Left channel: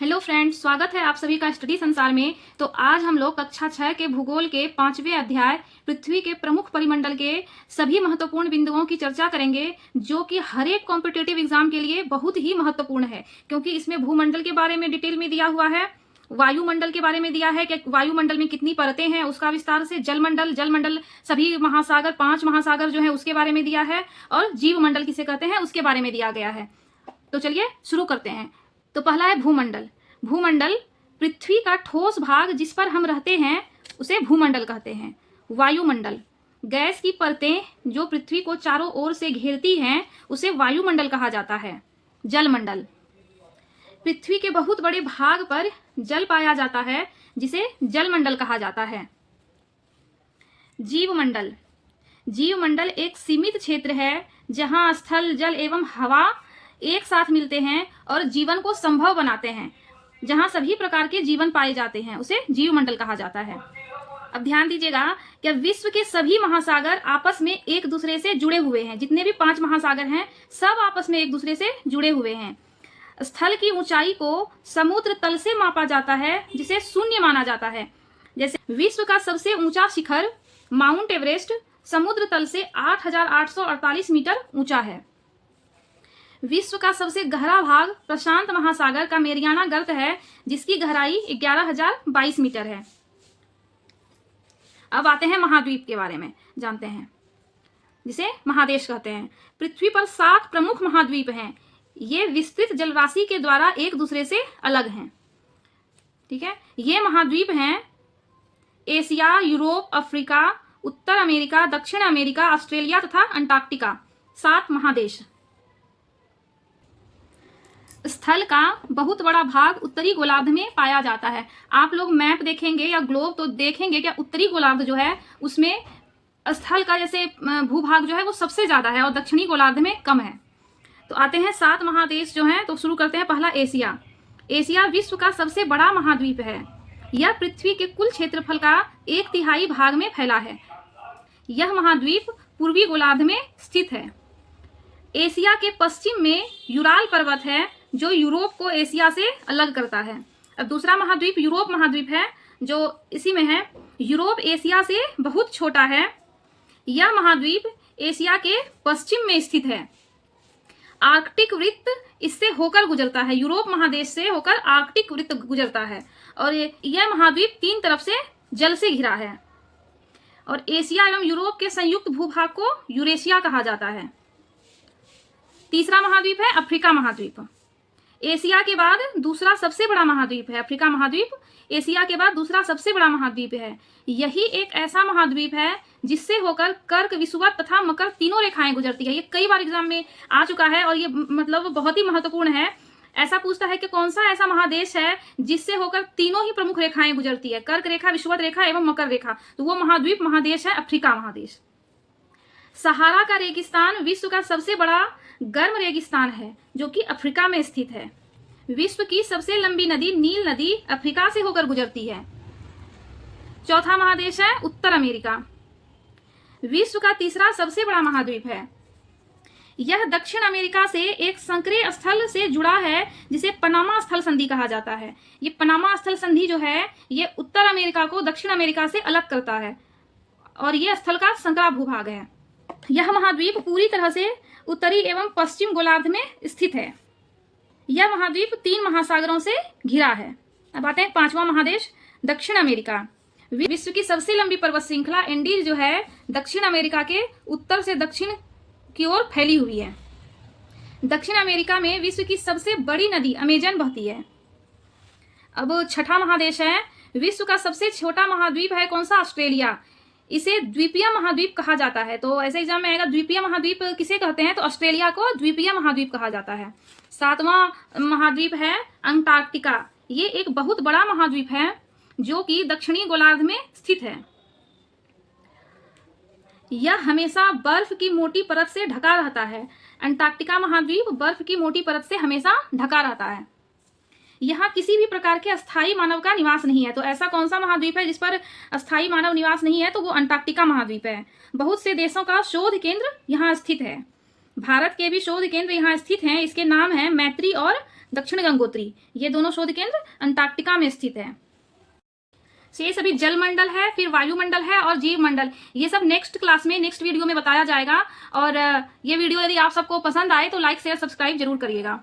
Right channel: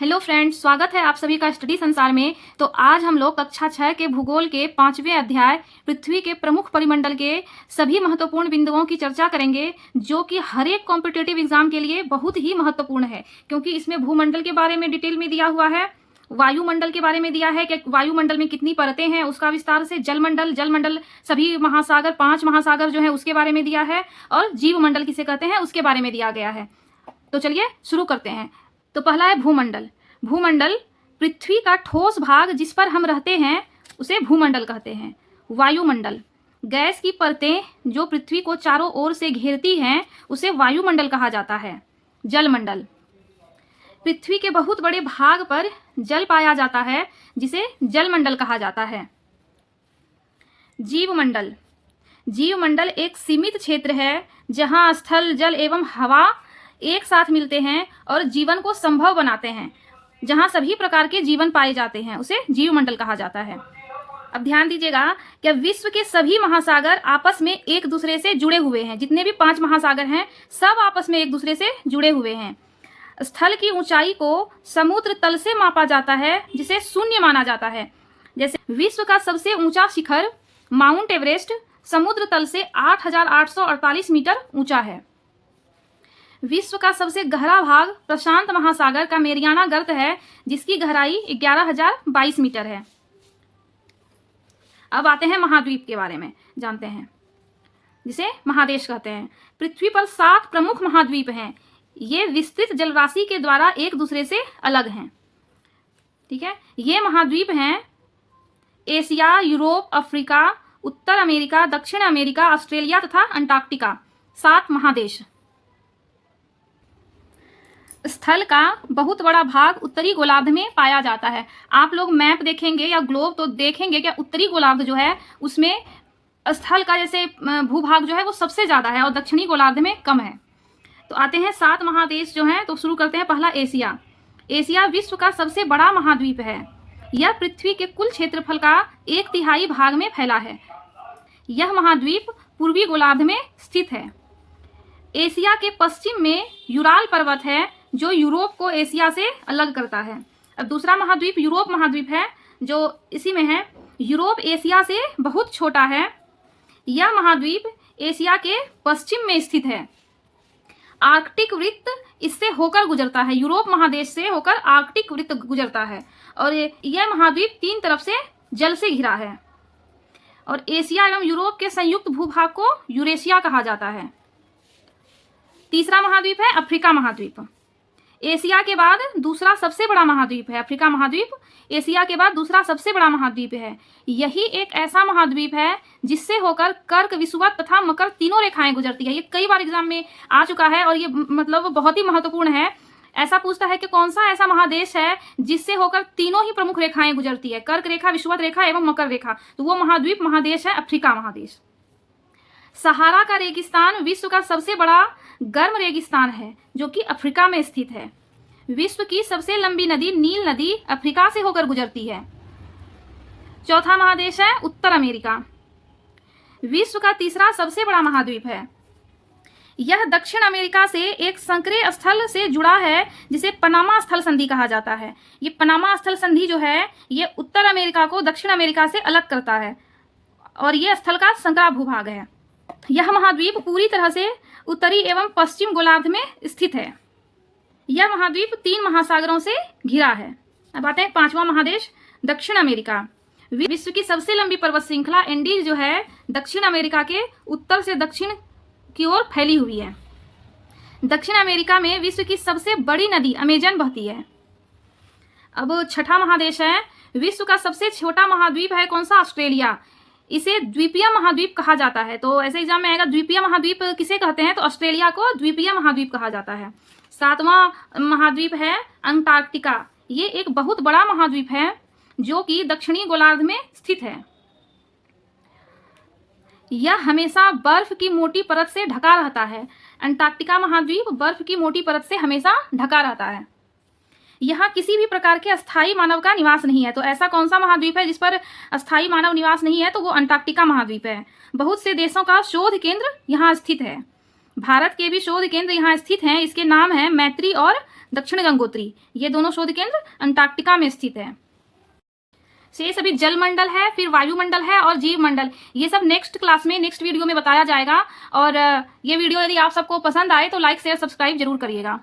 Hello friends, स्वागत है आप सभी का स्टडी संसार में। तो आज हम लोग कक्षा 6 के भूगोल के 5वें अध्याय पृथ्वी के प्रमुख परिमंडल के सभी महत्वपूर्ण बिंदुओं की चर्चा करेंगे, जो कि हर एक कॉम्पिटिटिव एग्जाम के लिए बहुत ही महत्वपूर्ण है, क्योंकि इसमें भूमंडल के बारे में डिटेल में दिया हुआ है, वायुमंडल के बारे में दिया है कि वायुमंडल में कितनी परतें हैं, उसका विस्तार से जलमंडल सभी महासागर 5 महासागर जो है उसके बारे में दिया है, और जीवमंडल किसे कहते हैं उसके बारे में दिया गया है। तो चलिए शुरू करते हैं। तो पहला है भूमंडल। भूमंडल पृथ्वी का ठोस भाग जिस पर हम रहते हैं उसे भूमंडल कहते हैं। वायुमंडल गैस की परतें जो पृथ्वी को चारों ओर से घेरती हैं उसे वायुमंडल कहा जाता है। जलमंडल पृथ्वी के बहुत बड़े भाग पर जल पाया जाता है जिसे जलमंडल कहा जाता है। जीवमंडल जीवमंडल एक सीमित क्षेत्र है जहां स्थल, जल एवं हवा एक साथ मिलते हैं और जीवन को संभव बनाते हैं। जहां सभी प्रकार के जीवन पाए जाते हैं उसे जीवमंडल कहा जाता है। अब ध्यान दीजिएगा कि विश्व के सभी महासागर आपस में एक दूसरे से जुड़े हुए हैं। जितने भी 5 महासागर हैं सब आपस में एक दूसरे से जुड़े हुए हैं। स्थल की ऊंचाई को समुद्र तल से मापा जाता है जिसे शून्य माना जाता है। जैसे विश्व का सबसे ऊंचा शिखर माउंट एवरेस्ट समुद्र तल से 8,848 मीटर ऊंचा है। विश्व का सबसे गहरा भाग प्रशांत महासागर का मेरियाना गर्त है जिसकी गहराई 11,022 मीटर है। अब आते हैं महाद्वीप के बारे में जानते हैं, जिसे महादेश कहते हैं। पृथ्वी पर 7 प्रमुख महाद्वीप हैं। ये विस्तृत जलराशि के द्वारा एक दूसरे से अलग हैं। ठीक है, ये महाद्वीप हैं एशिया, यूरोप, अफ्रीका, उत्तर अमेरिका, दक्षिण अमेरिका, ऑस्ट्रेलिया तथा अंटार्कटिका। 7 महादेश। स्थल का बहुत बड़ा भाग उत्तरी गोलार्ध में पाया जाता है। आप लोग मैप देखेंगे या ग्लोब तो देखेंगे कि उत्तरी गोलार्ध जो है उसमें स्थल का जैसे भूभाग जो है वो सबसे ज्यादा है और दक्षिणी गोलार्ध में कम है। तो आते हैं 7 महादेश जो हैं। तो शुरू करते हैं। पहला एशिया। एशिया विश्व का सबसे बड़ा महाद्वीप है। यह पृथ्वी के कुल क्षेत्रफल का 1/3 भाग में फैला है। यह महाद्वीप पूर्वी गोलार्ध में स्थित है। एशिया के पश्चिम में यूराल पर्वत है जो यूरोप को एशिया से अलग करता है। अब दूसरा महाद्वीप यूरोप महाद्वीप है जो इसी में है। यूरोप एशिया से बहुत छोटा है। यह महाद्वीप एशिया के पश्चिम में स्थित है। आर्कटिक वृत्त इससे होकर गुजरता है। यूरोप महादेश से होकर आर्कटिक वृत्त गुजरता है और यह महाद्वीप 3 तरफ से जल से घिरा है। और एशिया एवं यूरोप के संयुक्त भूभाग को यूरेशिया कहा जाता है। तीसरा महाद्वीप है अफ्रीका महाद्वीप। एशिया के बाद दूसरा सबसे बड़ा महाद्वीप है अफ्रीका महाद्वीप। एशिया के बाद दूसरा सबसे बड़ा महाद्वीप है। यही एक ऐसा महाद्वीप है जिससे होकर कर्क, विषुवत तथा मकर तीनों रेखाएं गुजरती है। ये कई बार एग्जाम में आ चुका है और ये मतलब बहुत ही महत्वपूर्ण है। ऐसा पूछता है कि कौन सा ऐसा महादेश है जिससे होकर तीनों ही प्रमुख रेखाएं गुजरती है, कर्क रेखा, विषुवत रेखा एवं मकर रेखा। तो वो महाद्वीप महादेश है अफ्रीका महादेश। सहारा का रेगिस्तान विश्व का सबसे बड़ा गर्म रेगिस्तान है जो कि अफ्रीका में स्थित है। विश्व की सबसे लंबी नदी नील नदी अफ्रीका से होकर गुजरती है। चौथा महादेश है उत्तर अमेरिका। विश्व का तीसरा सबसे बड़ा महाद्वीप है। यह दक्षिण अमेरिका से एक संकरे स्थल से जुड़ा है जिसे पनामा स्थल संधि कहा जाता है। ये पनामा स्थल संधि जो है ये उत्तर अमेरिका को दक्षिण अमेरिका से अलग करता है और यह स्थल का संकरा भूभाग है। यह महाद्वीप पूरी तरह से उत्तरी एवं पश्चिम गोलार्ध में स्थित है। यह महाद्वीप 3 महासागरों से घिरा है। अब आते हैं 5वां महादेश दक्षिण अमेरिका। विश्व की सबसे लंबी पर्वत श्रृंखला एंडीज जो है दक्षिण अमेरिका के उत्तर से दक्षिण की ओर फैली हुई है। दक्षिण अमेरिका में विश्व की सबसे बड़ी नदी अमेजन बहती है। अब 6ठा महादेश है। विश्व का सबसे छोटा महाद्वीप है कौन सा? ऑस्ट्रेलिया। इसे द्वीपीय महाद्वीप कहा जाता है। तो ऐसे एग्जाम में आएगा द्वीपीय महाद्वीप किसे कहते हैं, तो ऑस्ट्रेलिया को द्वीपीय महाद्वीप कहा जाता है। 7वां महाद्वीप है अंटार्कटिका। ये एक बहुत बड़ा महाद्वीप है जो कि दक्षिणी गोलार्ध में स्थित है। यह हमेशा बर्फ की मोटी परत से ढका रहता है। अंटार्कटिका महाद्वीप बर्फ की मोटी परत से हमेशा ढका रहता है। यहाँ किसी भी प्रकार के अस्थायी मानव का निवास नहीं है। तो ऐसा कौन सा महाद्वीप है जिस पर अस्थायी मानव निवास नहीं है, तो वो अंटार्कटिका महाद्वीप है। बहुत से देशों का शोध केंद्र यहाँ स्थित है। भारत के भी शोध केंद्र यहाँ स्थित हैं। इसके नाम है मैत्री और दक्षिण गंगोत्री, ये दोनों शोध केंद्र अंटार्कटिका में स्थित है। से सभी जल मंडल है, फिर वायुमंडल है और जीव मंडल, ये सब नेक्स्ट क्लास में, नेक्स्ट वीडियो में बताया जाएगा। और ये वीडियो यदि आप सबको पसंद आए तो लाइक शेयर सब्सक्राइब जरूर करिएगा।